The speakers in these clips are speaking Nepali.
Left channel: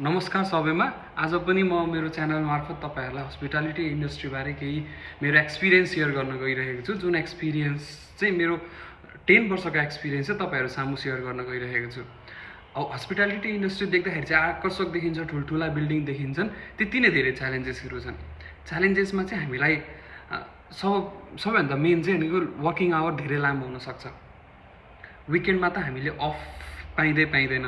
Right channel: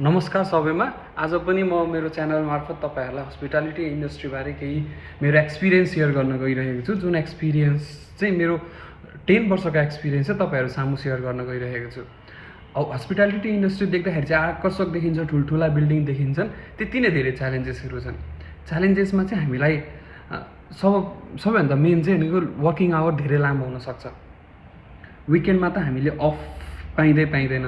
नमस्कार सबैमा। आज पनि म मेरो च्यानल मार्फत तपाईहरुलाई हस्पिटालिटी इन्डस्ट्री बारे केही मेरो एक्सपिरियन्स शेयर गर्न गइरहेको छु। जुन एक्सपिरियन्स चाहिँ मेरो 10 वर्षको एक्सपिरियन्स चाहिँ तपाईहरु सामु शेयर गर्न गइरहेको छु। हस्पिटालिटी इन्डस्ट्री देख्दाखेरि चाहिँ आकर्षक देखिन्छ, ठुलठुला बिल्डिङ देखिन्छन्, त्यति नै धेरै च्यालेन्जेसहरु छन्। च्यालेन्जेसमा चाहिँ हामीलाई सबैभन्दा मेन चाहिँ भनेको वर्किङ आवर धेरै लामो हुन सक्छ। विकेन्डमा त हामीले अफ पाइँदैन,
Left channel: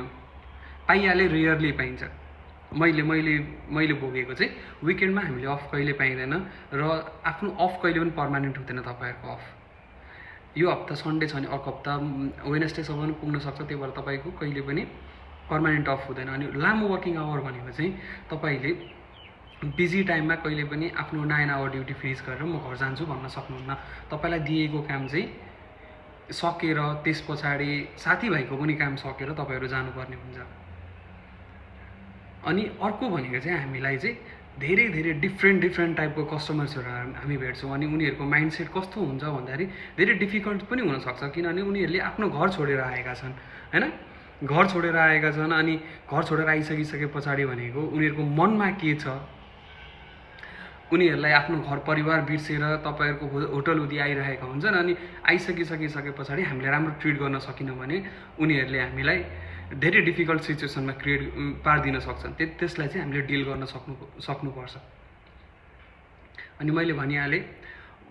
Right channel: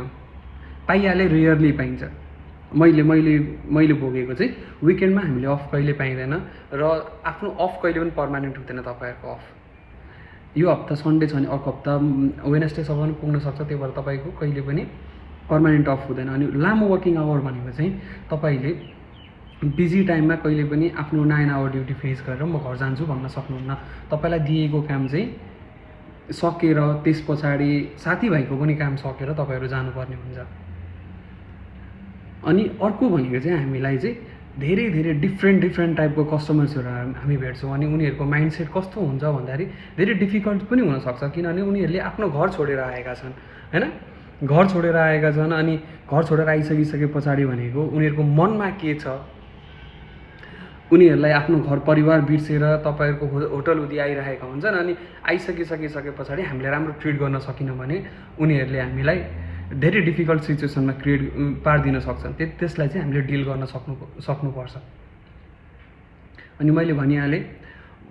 पाइहाले रेयरली पाइन्छ। मैले भोगेको चाहिँ विकेन्डमा हामीले अफ कहिले पाइँदैन र आफ्नो अफ कहिले पनि पर्मानेन्ट हुँदैन। तपाईहरुको अफ यो हप्ता सन्डे छ भने अर्को हप्ता वेडनेसडेसम्म पनि पुग्न सक्छ, त्यही भएर तपाईको कहिले पनि पर्मानेन्ट अफ हुँदैन। अनि लामो वर्किङ आवर भनेको चाहिँ तपाईले बिजी टाइममा कहिले पनि आफ्नो 9 आवर ड्युटी फेस गरेर म घर जान्छु भन्न सक्नुहुन्न। तपाईलाई दिएको काम चाहिँ सकेर त्यसपछि साथीभाइको पनि काम सकेर तपाईहरु जानुपर्ने हुन्छ। अनि अर्को भनेको चाहिँ हामीलाई चाहिँ धेरै डिफ्रेन्ट टाइपको कस्टमर्सहरु हामी भेट्छौँ। अनि उनीहरुको माइन्डसेट कस्तो हुन्छ भन्दाखेरि धेरै डिफिकल्ट पनि हुन सक्छ, किनभने उनीहरुले आफ्नो घर छोडेर आएका छन्, हैन? घर छोडेर आएका छन् अनि घर छोडेर आइसकेपछि भनेको उनीहरुको मनमा के छ, उनीहरुलाई आफ्नो घर परिवार बिर्सेर तपाईहरुको होटल उदि आइरहेका हुन्छन्। अनि आइसकेपछि हामीले राम्रो ट्रिट गर्न सकिनौं भने उनीहरुले हामीलाई धेरै डिफिकल्ट सिचुएसनमा पार्दिन सक्छन्। त्यसलाई चाहिँ हामीले डिल गर्न सक्नुपर्छ। अनि मैले भनिहाले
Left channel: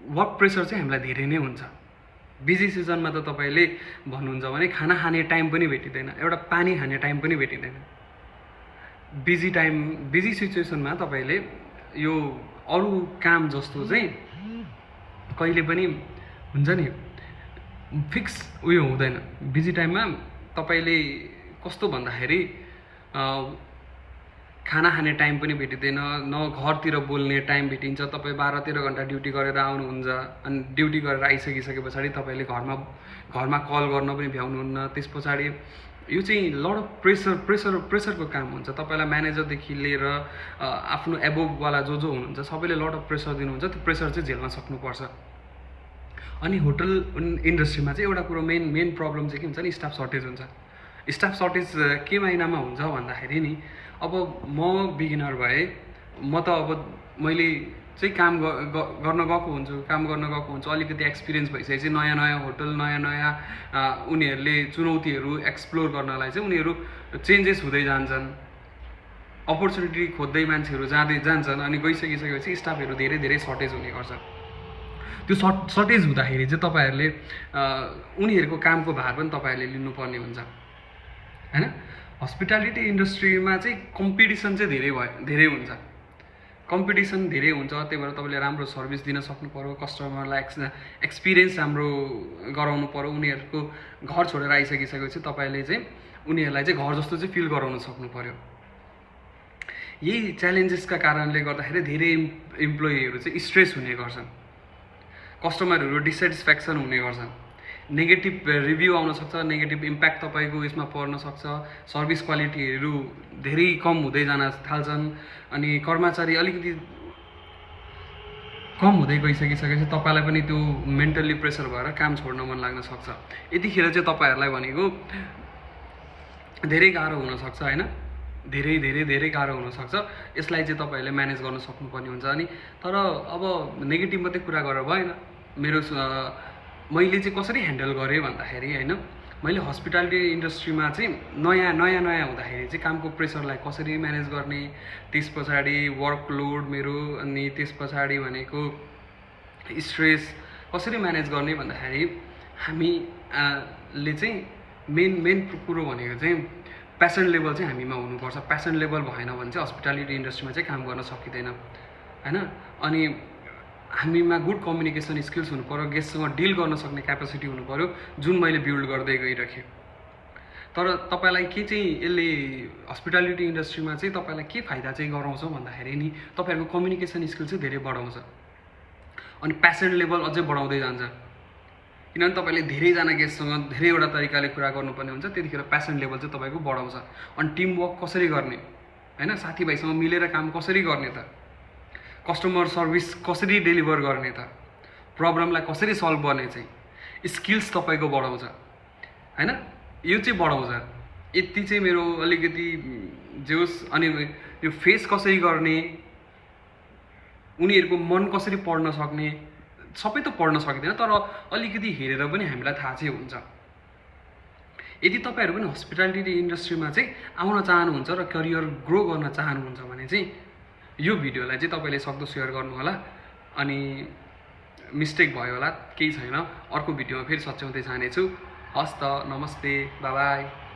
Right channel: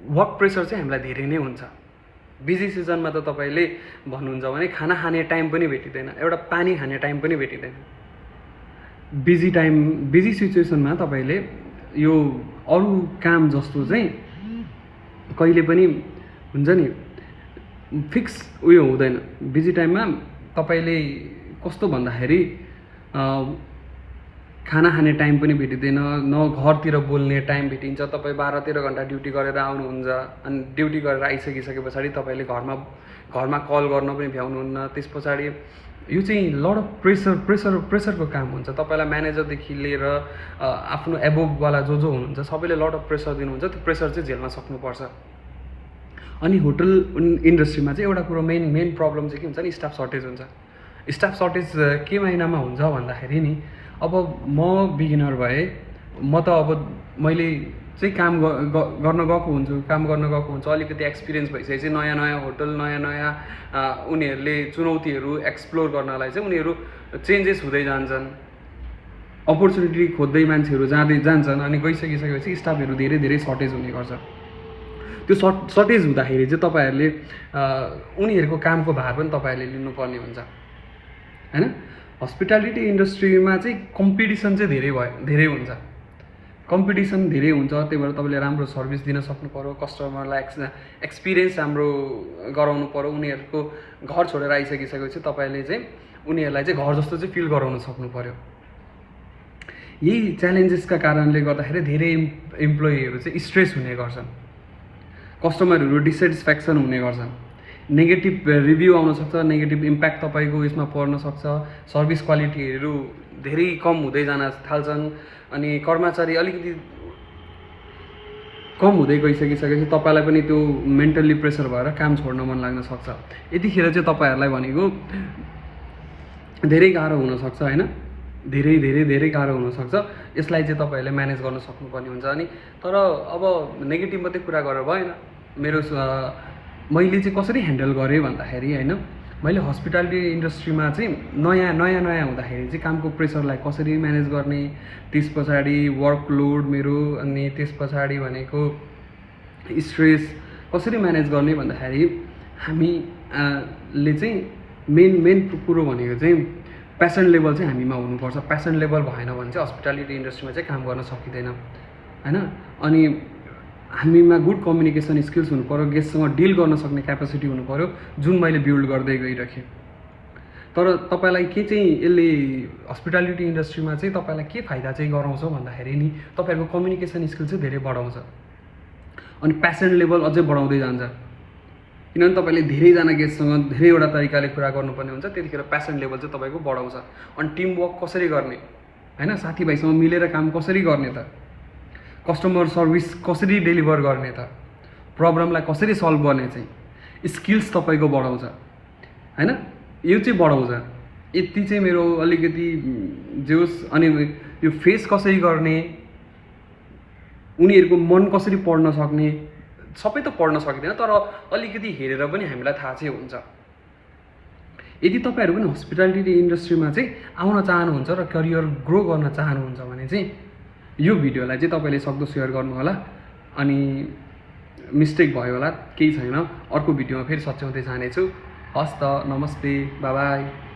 वर्क प्रेसर चाहिँ हामीलाई धेरै नै हुन्छ। बिजी सिजनमा त तपाईले भन्नुहुन्छ भने खाना खाने टाइम पनि भेटिदैन, एउटा पानी खाने टाइम पनि भेटिदैन। बिजी सिचुएसनमा तपाईले यो अरु काम जस्तो चाहिँ कहिले पनि हुन्छ नि फिक्स उयो हुँदैन। बिजी टाइममा तपाईले कस्तो भन्दाखेरि खाना खाने टाइम पनि भेटिदैन, न घरतिर बोल्ने टाइम भेटिन्छ। तपाई 12-13 घण्टा ड्युटी गरेर आउनुहुन्छ, अनि ड्युटी गरेर आइसकेपछि तपाईले घरमा कल गर्न पनि भ्याउनुहुन्न। त्यसपछि यो चाहिँ लड अफ प्रेसरको काम हुन्छ। तपाईलाई म्यानेजरदेखि लिएर आफ्नो एबोभ वाला जो हुनुहुन्छ सबैले लड अफ प्रेसर दिनुहुन्छ। त्यो प्रेसर चाहिँ झेल्न सक्नुपर्छ। अनि होटल इन्डस्ट्रीमा चाहिँ एउटा कुरो मेन प्रब्लम चाहिँ के हुन्छ नि, स्टाफ सर्टेज हुन्छ। स्टाफ सर्टेज के महिनामा हुन्छ भन्दाखेरि नि, अब म बिगिनर भए, म त अब मैले चाहिँ काम गर्न गएको हुन्छु, अलिकति एक्सपिरियन्स भइसकेपछि नयाँ होटल नयाँ उनीहरूले चुनौतीहरू एक्सप्लोर गर्नलाई चाहिँ उनीहरू चेन्जेस हुँदै जान्छन्, अपर्च्युनिटी खोज्दै मान्छेहरू जान्छन्। अनि गइसकेपछि स्टाफहरू धेरै सर्टेज हुने गर्छ। त्यो सर्टेज हुँदाखेरि चाहिँ तपाईहरुले उनीहरूको कामको भार पनि तपाईहरुले लिनुपर्ने हुन्छ, हैन? हस्पिटालिटी इन्डस्ट्रीमा चाहिँ कम्पिटिसन चाहिँ धेरै हुन्छ। कम्पिटिसन धेरै हुन्छ, त्यही भएर तपाईले राम्रो सर्भिस दिन सक्नु पर्यो, कस्टमरलाई एक्सपिरियन्स राम्रो गराउनु पर्यो। उनीहरुको घर छोडेर आइसकेपछि तपाईले चाहिँ उनीहरुलाई चाहिँ घर जस्तो चाहिँ फिल गराउन सक्नु पर्यो। यही च्यालेन्जेसका कारणले गर्दाखेरि धेरै एम्प्लोइहरु चाहिँ स्ट्रेस हुने गर्छन्, कस्टमरहरु डिसस्याटिस्फ्याक्सन हुने गर्छन्, नेगेटिभ रिभ्यू आउन सक्छ, नेगेटिभ इम्प्याक्ट तपाईको यसमा पर्न सक्छ, सर्भिस क्वालिटीहरु धेरै कम हुँदै जान थाल्छन्। अनि कर्मचारी अलिकति कम हुँदै गइसकेपछि तपाईलाई पनि त्यो मेन्टली प्रेसर भएर काम छोड्न मन लाग्न सक्छ। यतिखेर चाहिँ तपाईहरुलाई भनेको धेरै गाह्रो हुन सक्छ, हैन? धेरै गाह्रो हुन सक्छ। यसलाई चाहिँ तपाईहरुले म्यानेज गर्न सक्नुपर्ने हुन्छ। अनि तर अब नेगेटिभ मात्रै कुरा गरेर भएन। मैले चाहिँ कसरी ह्यान्डल गरेँ भन्दाखेरि, हैन, मैले हस्पिटालिटी इन्डस्ट्रीमा चाहिँ नयाँ हुँदाखेरि चाहिँ कामको प्रेसरलाई कसरी म्यानेज गर्ने, त्यसपछि वर्कलोड मेरो, अनि त्यसपछि भनेको स्ट्रेस कसरी म्यानेज गर्ने भन्दाखेरि हामीले चाहिँ मेन कुरो भनेको चाहिँ प्यासन लेभल चाहिँ हामीमा हुनुपर्छ। प्यासन लेभल भएन भने चाहिँ हस्पिटालिटी इन्डस्ट्रीमा चाहिँ काम गर्न सकिँदैन, हैन? अनि हामीमा गुड कम्युनिकेसन स्किल्स हुनु पर्यो, गेस्टसँग डिल गर्न सक्ने क्यापेसिटी हुनु पर्यो, जुन मैले बिल्ड गर्दै गइराखेँ। तर तपाईलाई के चाहिँ यसले हस्पिटालिटी इन्डस्ट्रीमा चाहिँ तपाईलाई के फाइदा चाहिँ गराउँछ भन्दाखेरि नि, तपाईहरुको कम्युनिकेसन स्किल चाहिँ धेरै बढाउँछ। अनि प्यासन लेभल अझै बढाउँदै जान्छ, किनभने तपाईले धेरैजना गेस्टसँग धेरैवटा तरिकाले कुरा गर्नुपर्ने हुन्छ। त्यतिखेर प्यासन लेभल चाहिँ तपाईको बढाउँछ। अनि टिम वर्क कसरी गर्ने, हैन? साथीभाइसँग मिलेर काम कसरी गर्ने त, कस्टमर सर्भिस कसरी डेलिभर गर्ने त, प्रब्लमलाई कसरी सल्भ गर्ने चाहिँ स्किल्स तपाईको बढाउँछ, हैन? यो चाहिँ बढाउँछ। यति चाहिँ मेरो अलिकति जे होस्। अनि यो फेस कसरी गर्ने, उनीहरूको मन कसरी पढ्न सक्ने, सबै त पढ्न सकिँदैन तर अलिकति हेरेर पनि हामीलाई थाहा चाहिँ हुन्छ। यदि तपाईँहरू पनि हस्पिटालिटी इन्डस्ट्रीमा चाहिँ आउन चाहनुहुन्छ र करियर ग्रो गर्न चाहनुहुन्छ भने चाहिँ यो भिडियोलाई चाहिँ तपाईँले सक्दो सेयर गर्नु होला। अनि मिस्टेक भयो होला, केही छैन, अर्को भिडियोमा फेरि सच्याउँदै जानेछु। हस् त, नमस्ते, बाई बाई।